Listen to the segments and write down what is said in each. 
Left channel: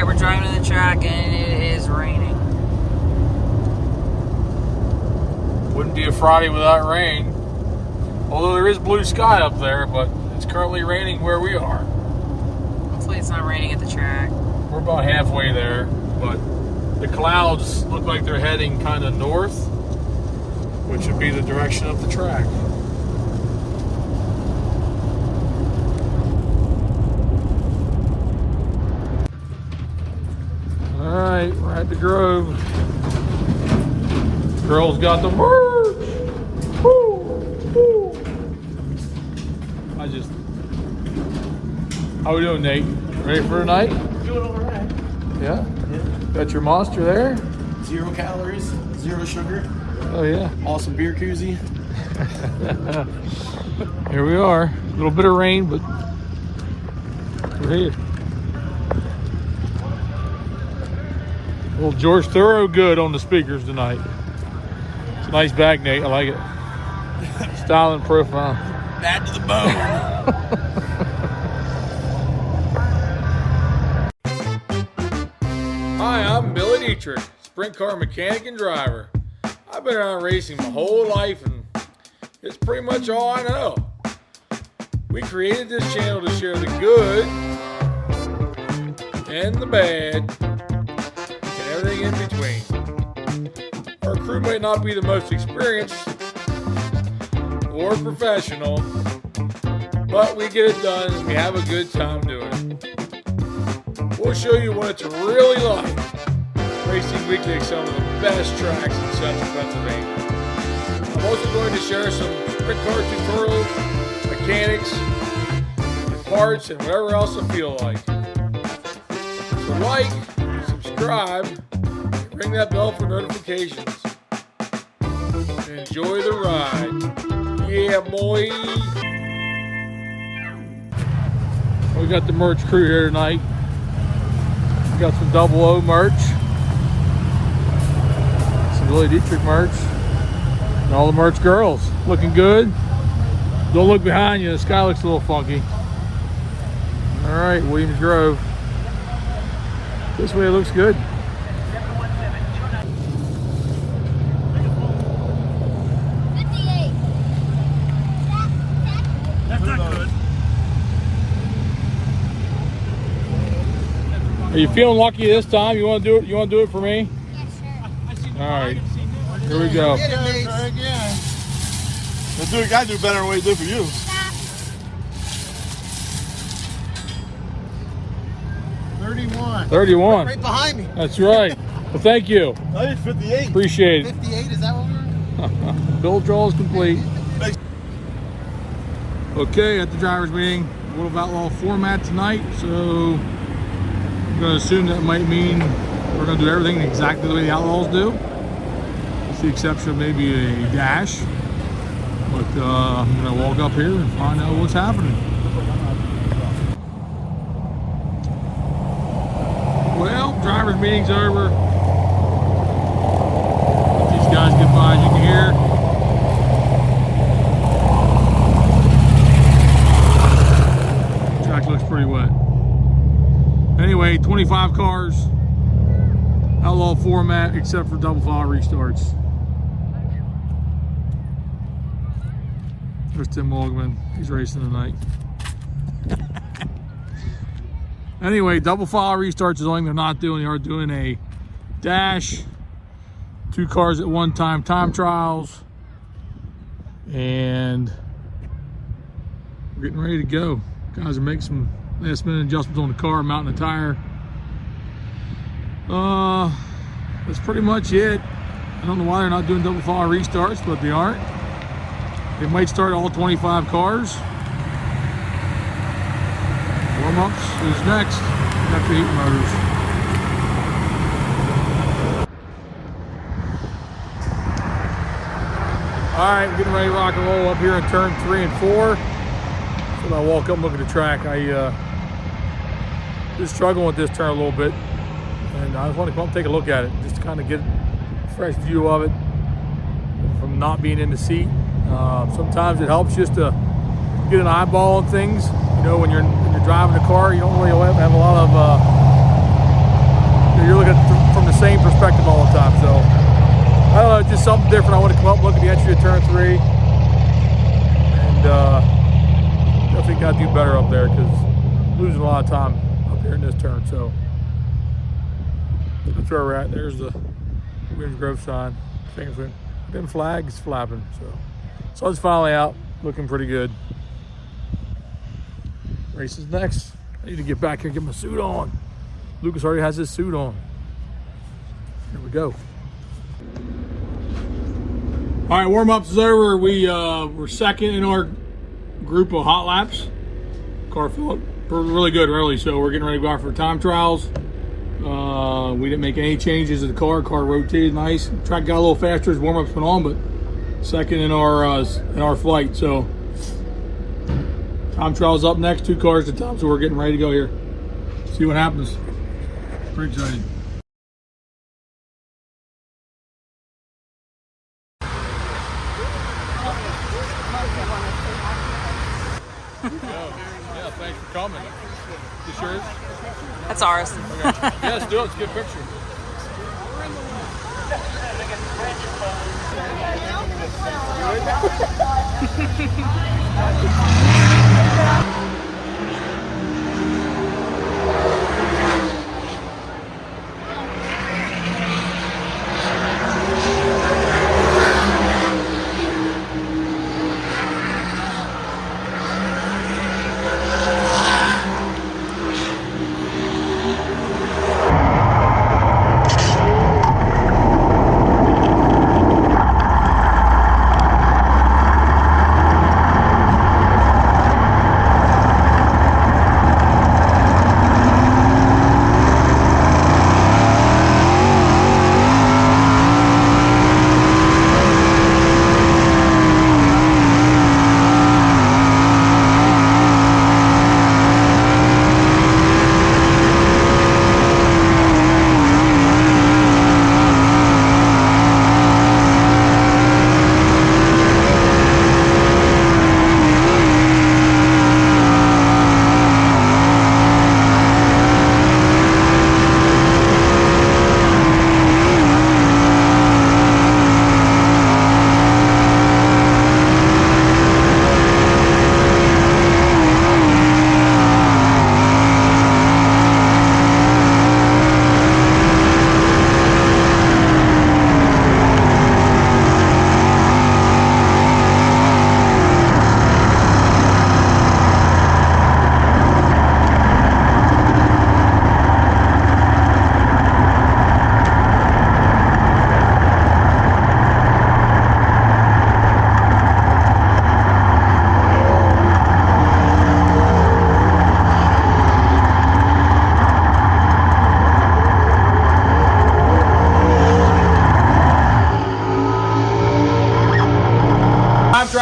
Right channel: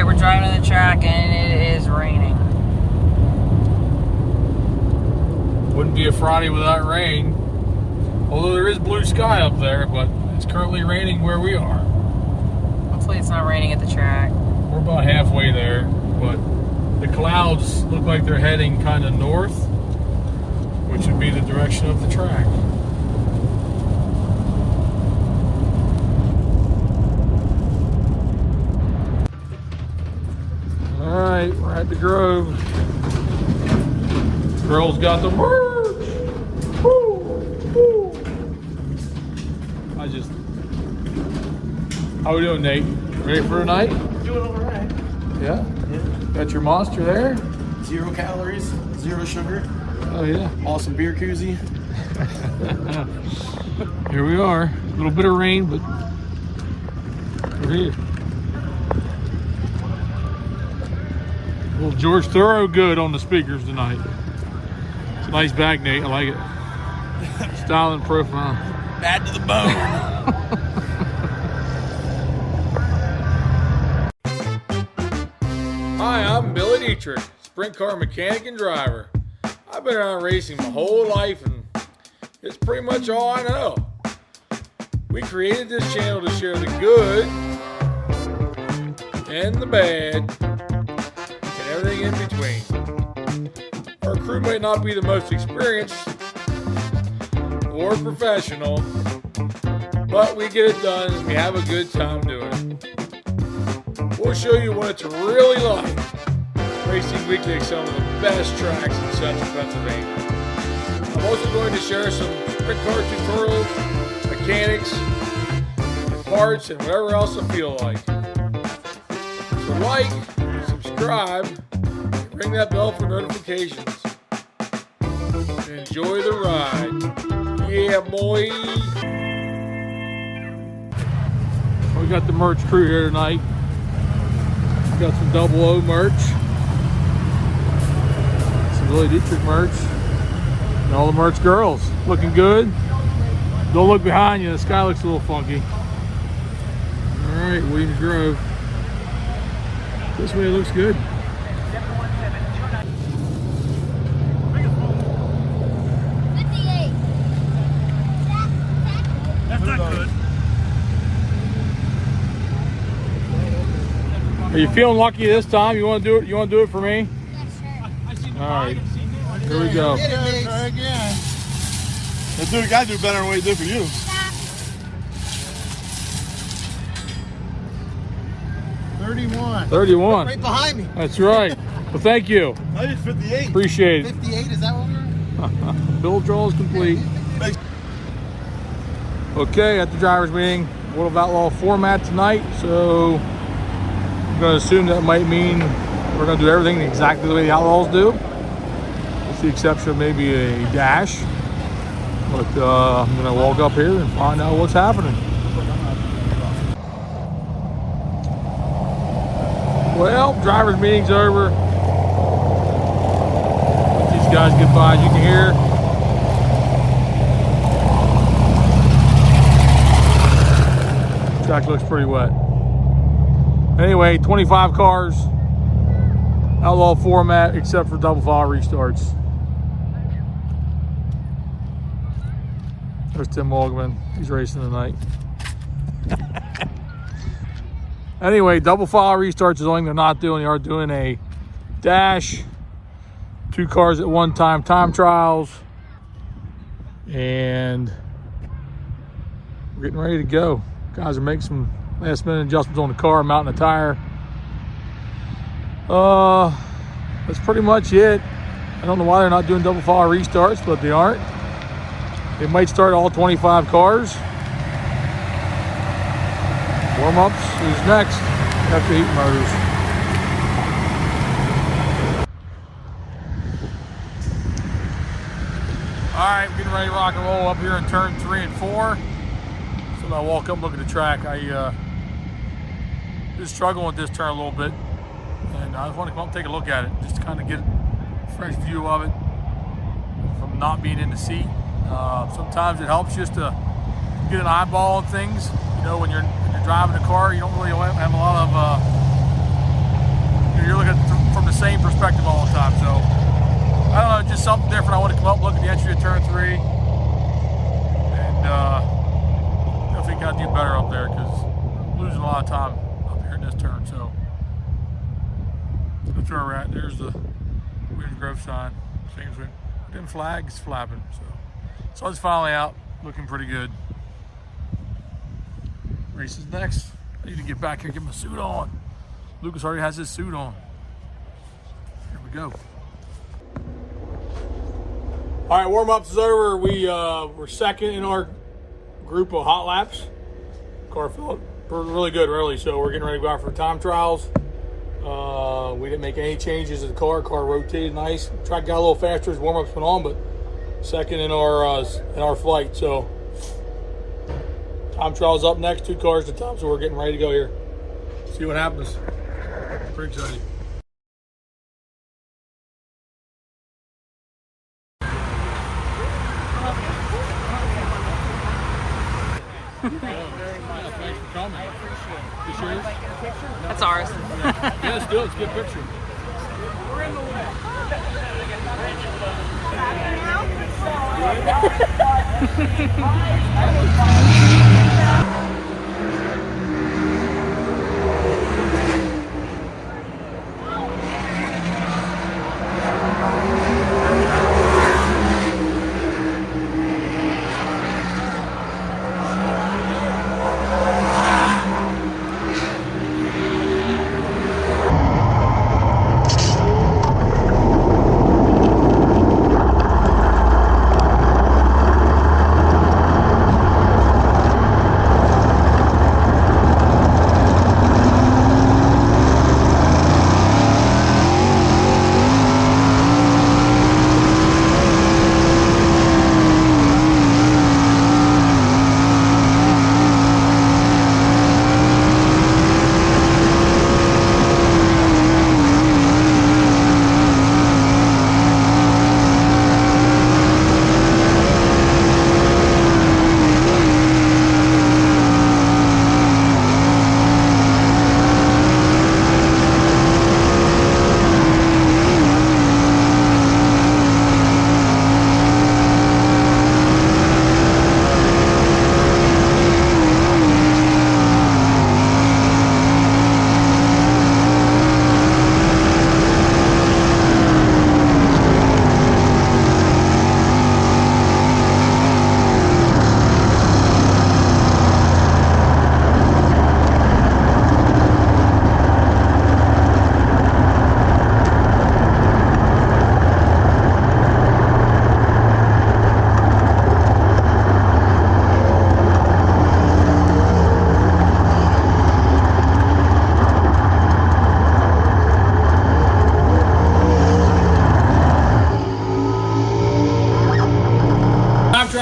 Alright, we're driving to the track and it is raining. Wouldn't be a Friday without rain. Although there is blue sky up there, but it's currently raining where we are. Hopefully it's not raining at the track. We're about halfway there, but the clouds look like they're heading kind of north, which would be the direction of the track. Alright, we're at the Grove. Girls got the merch! Woo! Woo! How we doing, Nate? Ready for tonight? Doing all right. Yeah? Got your monster there? 0 calories, 0 sugar. Oh yeah. Awesome beer koozie. Here we are. A little bit of rain, but we're here. Little George Thorogood on the speakers tonight. Nice bag, Nate. I like it. Style and profile. Bad to the bone. Hi, I'm Billy Dietrich, sprint car mechanic and driver. I've been around racing my whole life and it's pretty much all I know. We created this channel to share the good and the bad and everything in between. Our crew may not be the most experienced or professional, but we get it done and we have a good time doing it. We'll show you what it's really like racing weekly at some of the best tracks in central Pennsylvania. I'm also going to share some sprint car tutorials, mechanics, and parts, and whatever else I feel like. So like, subscribe, and ring that bell for notifications. And enjoy the ride. Yeah, boy! We got the merch crew here tonight. Got some Double O merch, some Billy Dietrich merch, and all the merch girls looking good. Don't look behind you, the sky looks a little funky. All right, Williams Grove. This way it looks good. That's not good. Are you feeling lucky this time? You want to do it? You want to do it for me? Yes, sir. All right. Here we go. Try again. You gotta do better than what you do for you. 31. 31. Right behind me. That's right. Well, thank you. I did 58. Appreciate it. 58, is that what we're Bill draw is complete. Okay, at the driver's meeting, World of Outlaw format tonight, so I'm going to assume that might mean we're going to do everything exactly the way the Outlaws do, with the exception of maybe a dash. But I'm going to walk up here and find out what's happening. Well, driver's meeting's over. Let these guys get by, as you can hear. Track looks pretty wet. Anyway, 25 cars, Outlaw format, except for double file restarts. There's Tim Wogman. He's racing tonight. Anyway, double file restarts is the only thing they're not doing. They are doing a dash, 2 cars at one time, time trials, and we're getting ready to go. Guys are making some last minute adjustments on the car, mounting the tire. That's pretty much it. I don't know why they're not doing double file restarts, but they aren't. They might start all 25 cars. Warm-ups is next after heat motors. All right, we're getting ready to rock and roll up here in turn 3 and 4. So when I walk up and look at the track, I just struggling with this turn a little bit. And I just want to come up and take a look at it, just to kind of get a fresh view of it from not being in the seat. Sometimes it helps just to get an eyeball on things. You know, when you're driving a car, you don't really have a lot of losing a lot of time up here in this turn. So that's where we're at. There's the Williams Grove sign. Things went, them flags flapping. So sun's finally out, looking pretty good. Race is next. I need to get back here and get my suit on. Lucas already has his suit on. Here we go. All right, warm-ups is over. We're second in our group of hot laps. Car felt really good early, so we're getting ready to go out for time trials. We didn't make any changes to the car. Car rotated nice. Track got a little faster as warm-ups went on, but second in our flight. So time trials up next, 2 cars to time, so we're getting ready to go here. See what happens. Pretty excited. Thanks for coming. I appreciate it. You sure? That's ours. Yeah, let's do it. Let's get a picture.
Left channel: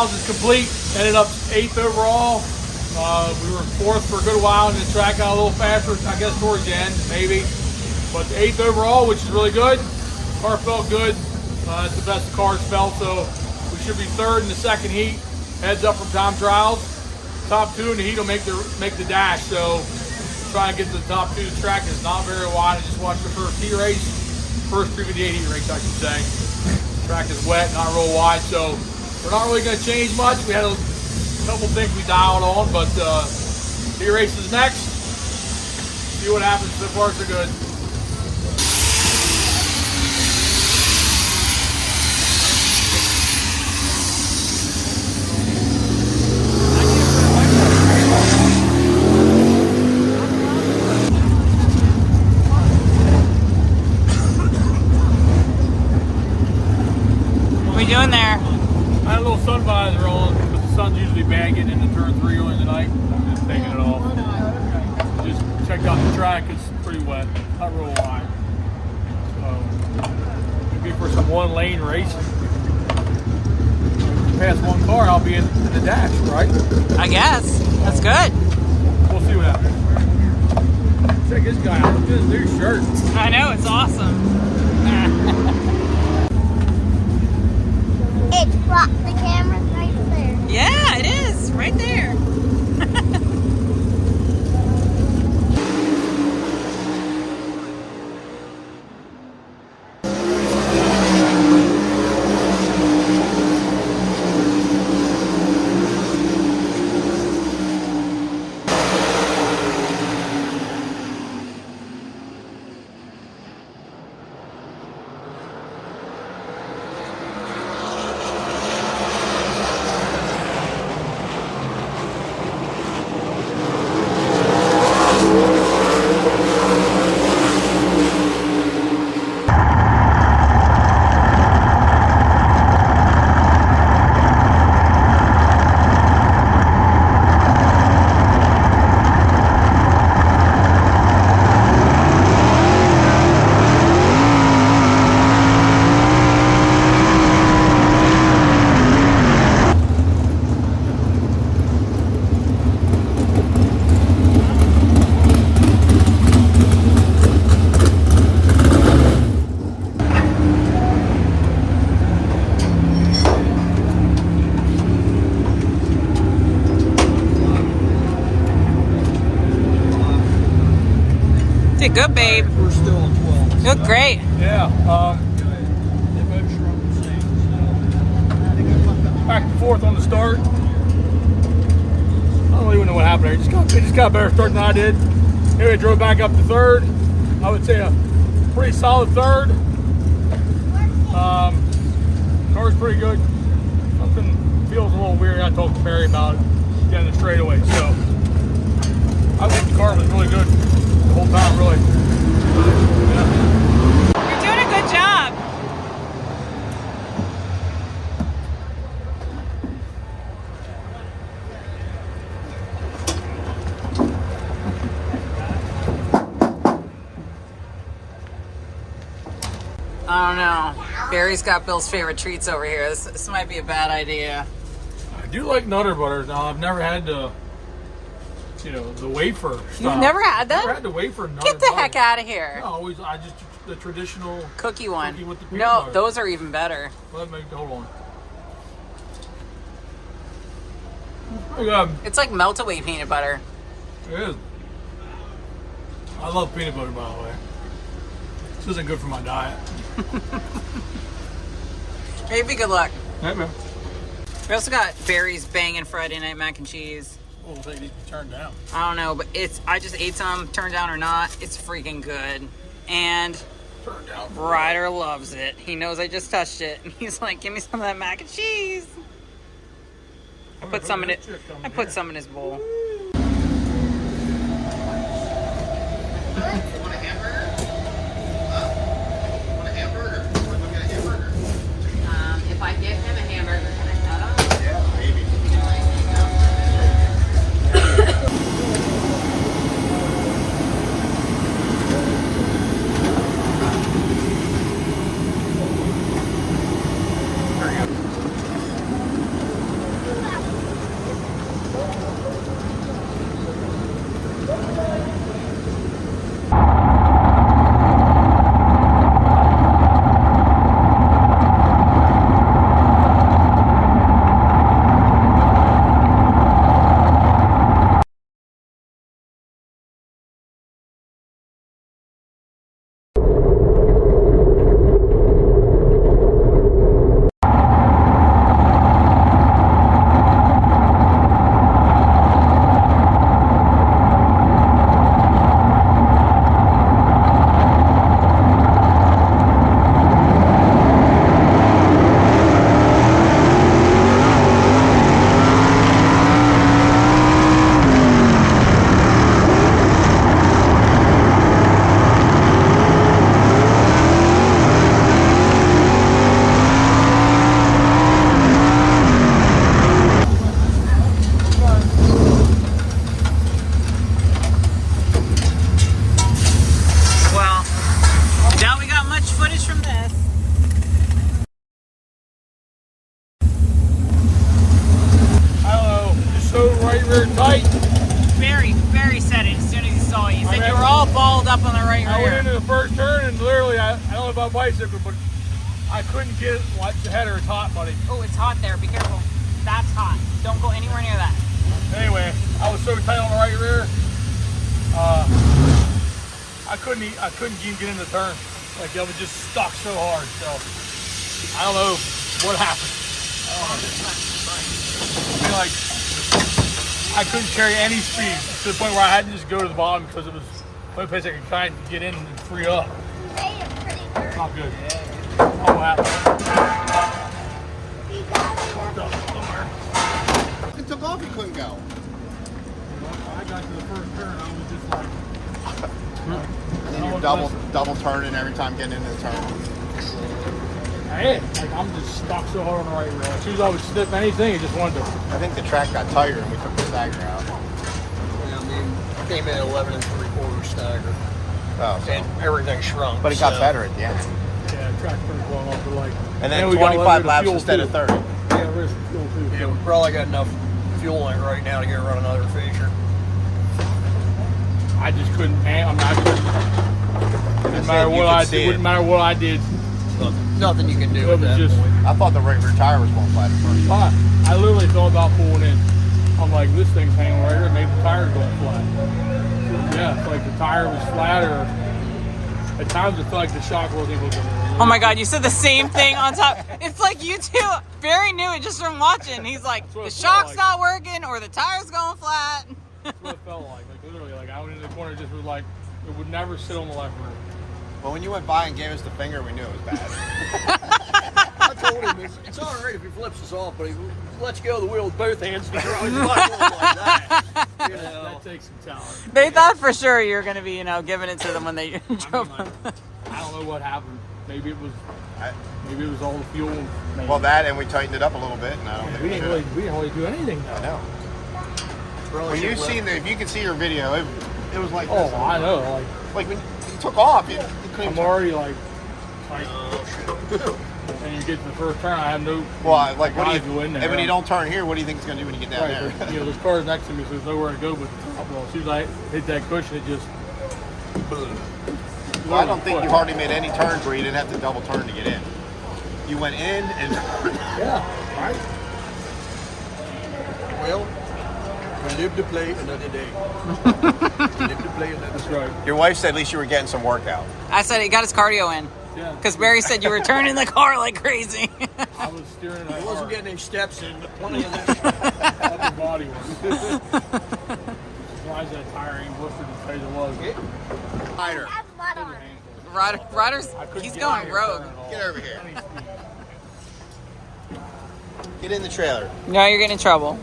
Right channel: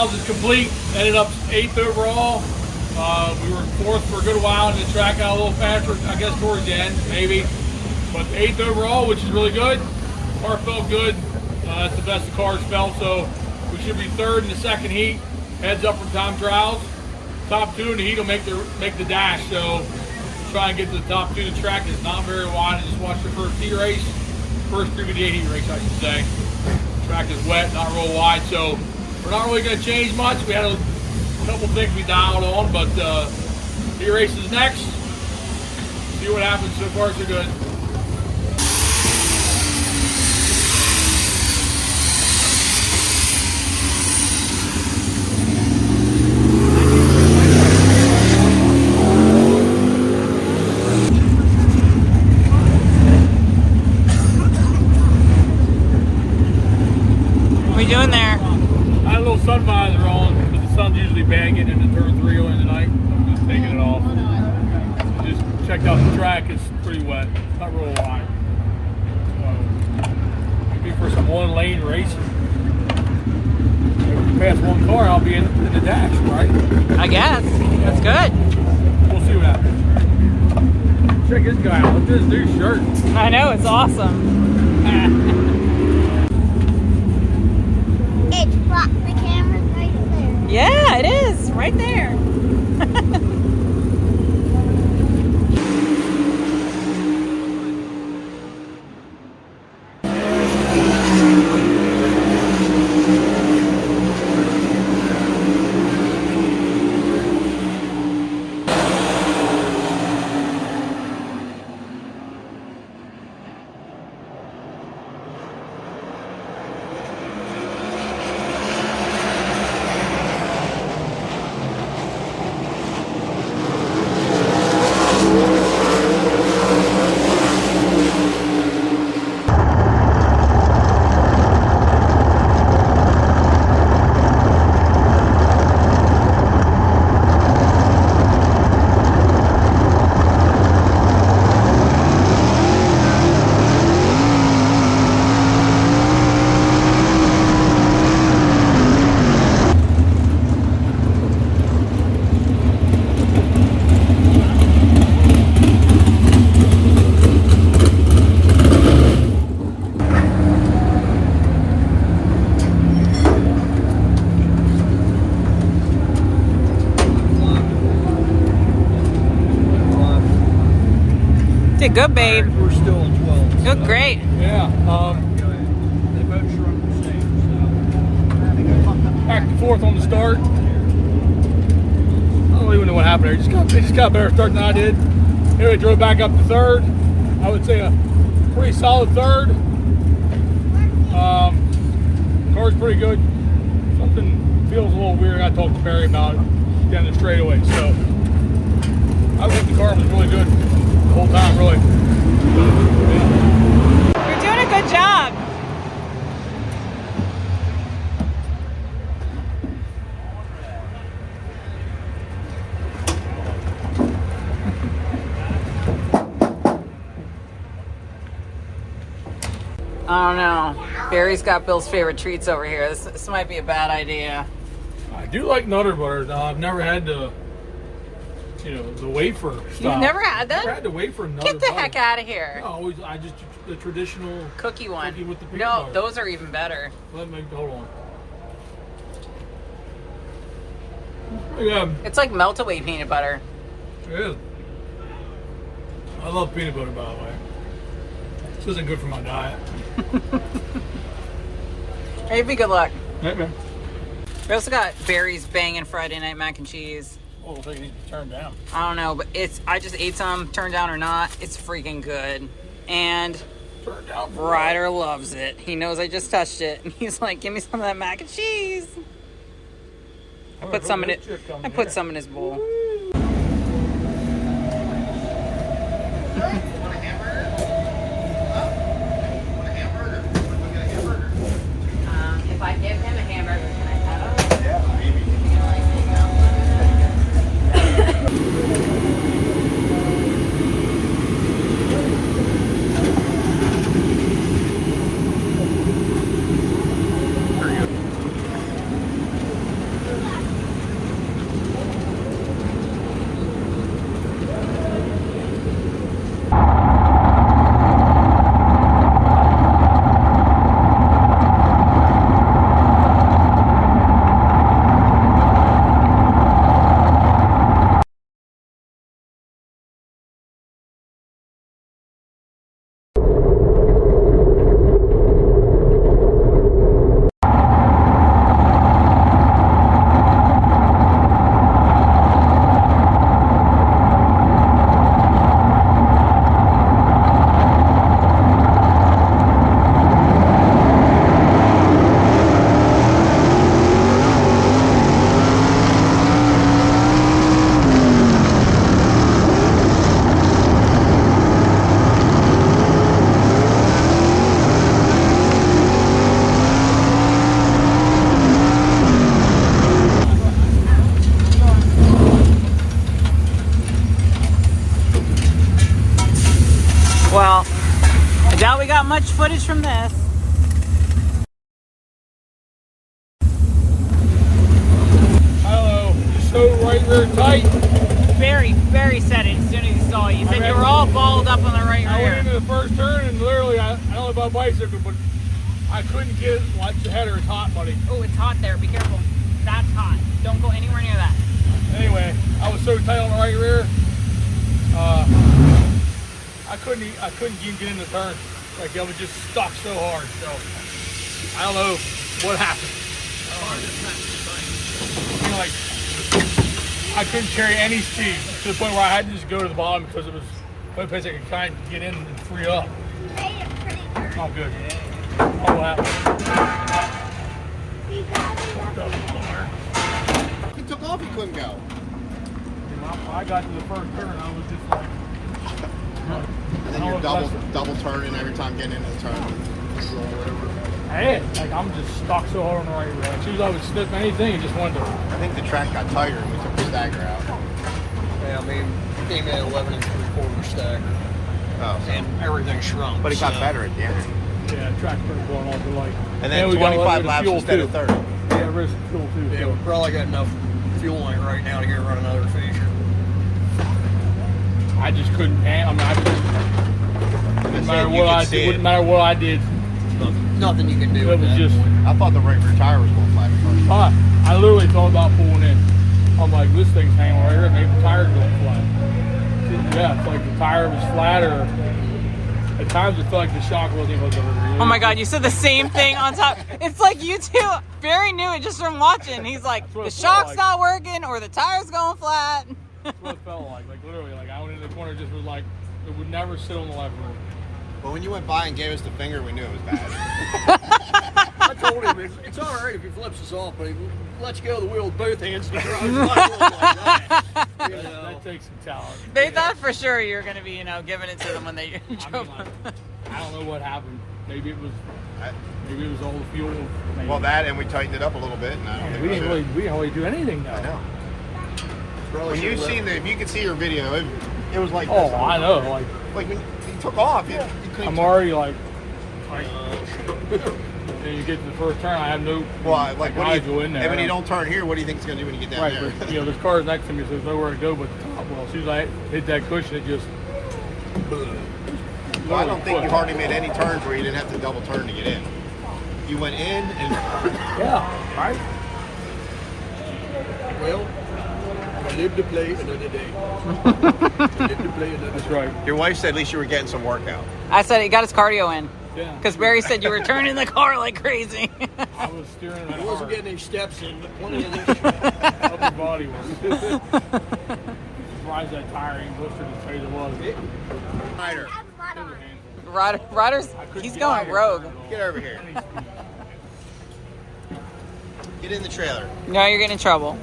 Is complete. Ended up 8th overall. We were 4th for a good while, and the track got a little faster, I guess, towards the end, maybe. But 8th overall, which is really good. Car felt good. It's the best the cars felt, so we should be 3rd in the second heat. Heads up from time trials. Top 2 in the heat will make the dash. So trying to get to the top 2. The track is not very wide. I just watched the first heat race, first 358 heat race, I should say. The track is wet, not real wide, so we're not really going to change much. We had a couple things we dialed on, but heat race is next. See what happens. So far, so good. What are you doing there? I had a little sun visor on, but the sun's usually bad getting into turn 3 early in the night. I'm just taking it off. Just checked out the track. It's pretty wet. Not real wide. So maybe for some one-lane racing. If we pass one car, I'll be in the dash, right? I guess. That's good. We'll see what happens. Check this guy out. Look at this new shirt. I know, it's awesome. It's what the camera's right there. Yeah, it is. Right there. Did good, babe. We're still on 12. You look great. Yeah. They both run the same. Back and forth on the start. I don't even know what happened there. They just got a better start than I did. Anyway, drove back up to third. I would say a pretty solid third. Car's pretty good. Something feels a little weird. I talked to Barry about it down the straightaway. So I think the car was really good the whole time, really. Yeah. You're doing a good job. I don't know. Barry's got Bill's favorite treats over here. This might be a bad idea. I do like Nutter Butters. Now, I've never had the wafer stuff. You've never had them? Never had the wafer Nutter Get the Butter. heck out of here. No, I just the traditional Cookie one. cookie with the peanut No, butter. those are even better. Hold on. Pretty good. It's like melt-away peanut butter. It is. I love peanut butter, by the way. This isn't good for my diet. Maybe good luck. Hey, man. We also got Barry's banging Friday night mac and cheese. Oh, looks like it needs to be turned down. I don't know, but I just ate some, turned down or not. It's freaking good. And Turned down. Ryder loves it. He knows I just touched it. And he's like, give me some of that mac and cheese. I put some in it. I put some in his bowl. If I give him a hamburger, can I have it? Yeah, maybe. Well, I doubt we got much footage from this. I don't know. Just so right rear tight. Barry said it as soon as he saw you. He said you were all balled up on the right I went rear. into the first turn and literally, I don't know about bicycle, but I couldn't get it. Watch the header. It's hot, buddy. Oh, it's hot there. Be careful. That's hot. Don't go anywhere near that. Anyway, I was so tight on the right rear. I couldn't even get in the turn. Like I was just stuck so hard. So I don't know what happened. I feel like I couldn't carry any speed to the point where I had to just go to the bottom because it was the only place I could kind of get in and free up. Not good. Oh, what happened? Fucked up somewhere. It took off, he couldn't go. I got to the first turn, I was just like, And then you're double turning every time getting into the turn. hey, like I'm just stuck so hard on the right rear. Like, as soon as I would sniff anything, it just wanted to. I think the track got tighter and we took the stagger out. Yeah, I mean, came in 11 3/4 stagger, and everything shrunk. But it got so- better at the end. Yeah, track turned going off the light. And then we got 25 rid of laps fuel instead too. of 30. Yeah, rid of fuel too. Yeah, so. we probably got enough fuel in it right now to get run another feature. I just couldn't. I mean, I couldn't. Didn't matter You what could I see did. it. Wouldn't matter what I did. Nothing you can do. It with was that. just. I thought the rear tire was going flat at first. I literally thought about pulling in. I'm like, this thing's hanging right here. Maybe the tire's going flat. Yeah, it's like the tire was flat, or at times it felt like the shock wasn't hooked up. Oh my God, you said the same thing on top. It's like you two. Barry knew it just from watching. He's like, the shock's not working or the tire's going flat. That's what it felt like. Like literally, like I went into the corner, just was like, it would never sit on the left rear. Well, when you went by and gave us the finger, we knew it was bad. I told him it's all right if he flips us off, but he lets go of the wheel with both hands. And he's not doing like that. You know? That takes some talent. They thought for sure you were going to be, you know, giving it to them when they drove I don't know what happened. Maybe it was all the fuel. Maybe. Well, that and we tightened it up a little bit, and I don't think we we didn't really do anything though. No. If you can see your video, it was like this. Oh, I know. Like when you took off, you couldn't. I'm already like, and you get to the first turn, I have no. Well, like guys go in there. And when you don't turn here, what do you think it's going to do when you get down there? You know, there's cars next to me, so there's nowhere to go but the top. Well, as soon as I hit that cushion, it just. Well, I don't think you hardly made any turns where you didn't have to double turn to get in. You went in and. Yeah. Right. Well, we live to play another day. Live to play another That's day. right. Your wife said at least you were getting some workout. I said he got his cardio in. Yeah. Because Barry said you were turning the car like crazy. I was steering that He wasn't hard. getting any steps in, but plenty of this. Upper body work. Surprised that tire ain't blistered as tight as it was. It was a handful. Ryder's, he's going rogue. Get over here. Get in the trailer. No, you're getting in trouble.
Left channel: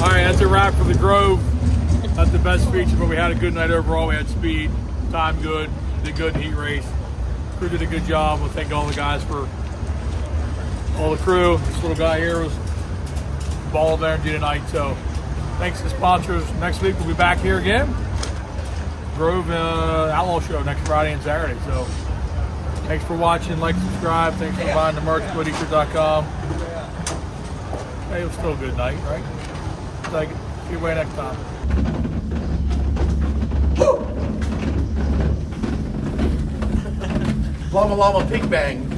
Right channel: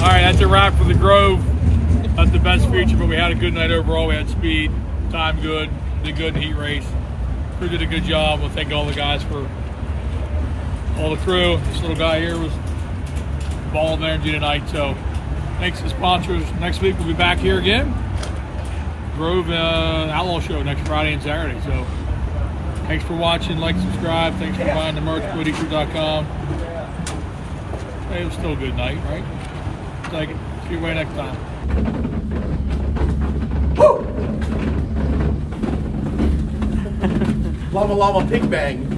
All right, that's a wrap for the Grove. That's the best feature, but we had a good night overall. We had speed, time good, did good in the heat race. Crew did a good job. We'll thank all the guys for all the crew. This little guy here was a ball of energy tonight. So thanks to the sponsors. Next week we'll be back here again. Grove Outlaw show next Friday and Saturday. So thanks for watching. Like, subscribe. Thanks for buying the merch. Dietrich.com. Hey, it was still a good night, right? Take it. See you away next time. Llama Llama Pig Bang.